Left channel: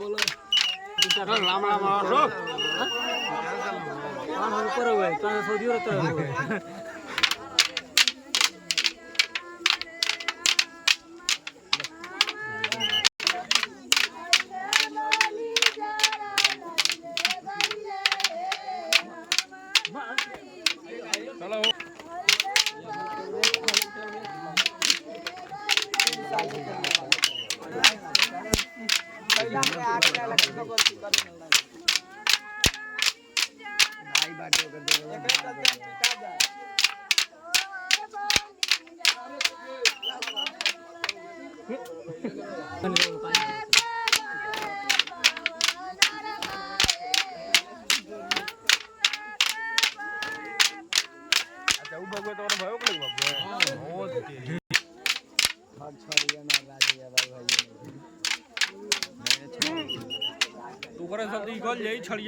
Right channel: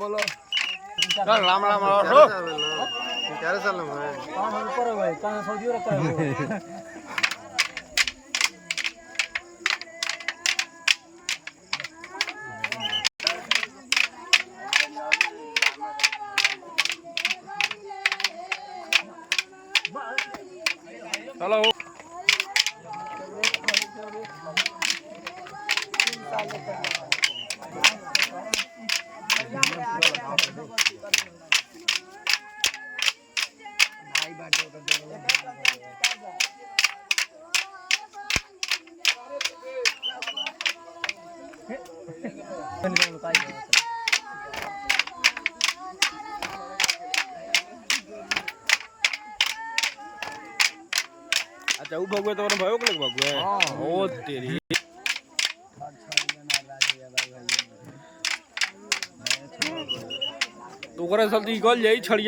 બોલો રામ રામ આવો ક્યારે ચાલો ઉપર હોય તો સૌદી રહેતા ચાલો अच्छा वो भगवे तो भयो के भगवे हां ओ तेरी तू करे जल्दी गोल यही छड़िया